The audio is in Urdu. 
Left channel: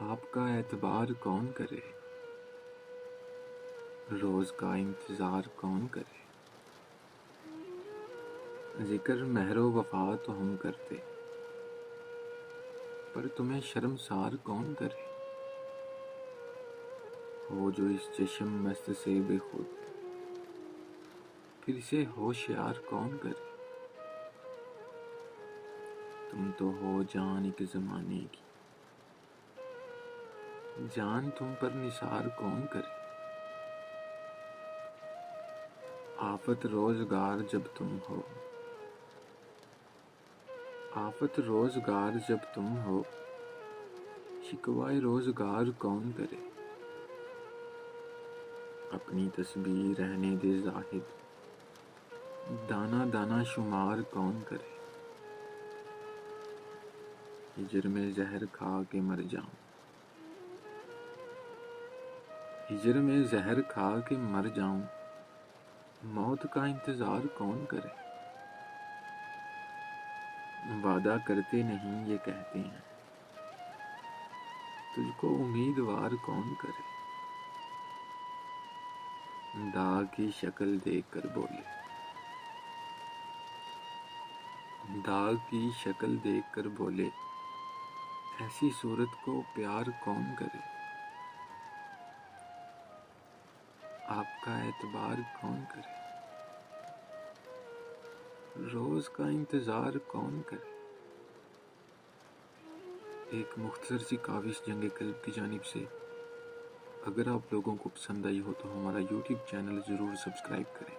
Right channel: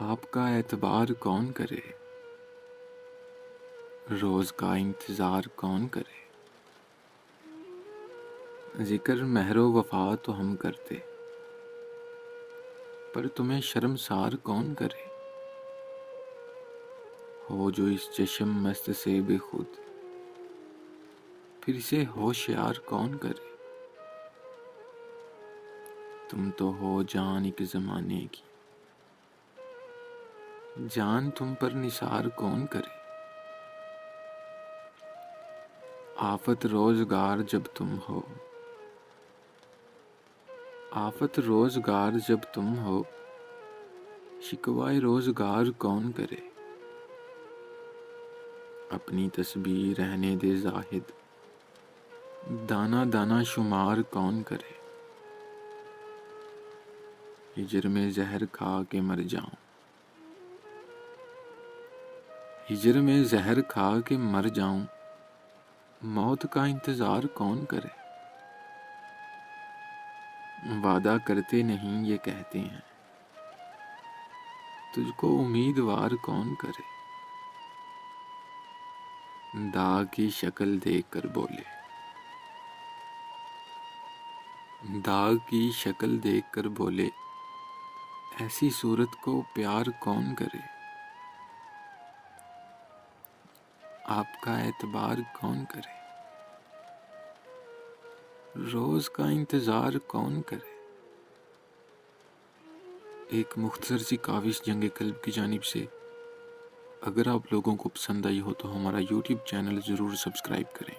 آپ کا اعتبار کون کرے، روز کا انتظار کون کرے؟ ذکر مہر و وفا تو ہم کرتے، پر تمہیں شرمسار کون کرے؟ ہو جو اس چشم مست سے بے خود، پھر اسے ہوشیار کون کرے؟ تم تو ہو جان ایک زمانے کی، جان تم پر نثار کون کرے؟ آفت روزگار جب تم ہو، آفت روزگار جب تم ہو، شکوائے روزگار کون کرے؟ اپنی تسبیح رہنے دے زاہد، دانا دانا شمار کون کرے؟ ہجر میں زہر کھا کے مر جاؤں، ہجر میں زہر کھا کے مر جاؤں، موت کا انتظار کون کرے؟ وعدہ کرتے نہیں یہ کہتے ہیں، تجھ کو امیدوار کون کرے؟ داغ کی شکل دیکھ کر بولے، داغ کی شکل دیکھ کر بولے، ایسی صورت کو پیار کون کرے؟ آپ کا اعتبار کون کرے، روز کا انتظار کون کرے؟ ایک مختصر سی کاوش جنگ قلب کی جانب سے۔ اگر آپ لوگوں کو پسند آئی ہو تو ہمارا یوٹیوب چینل ضرور سبسکرائب کریں۔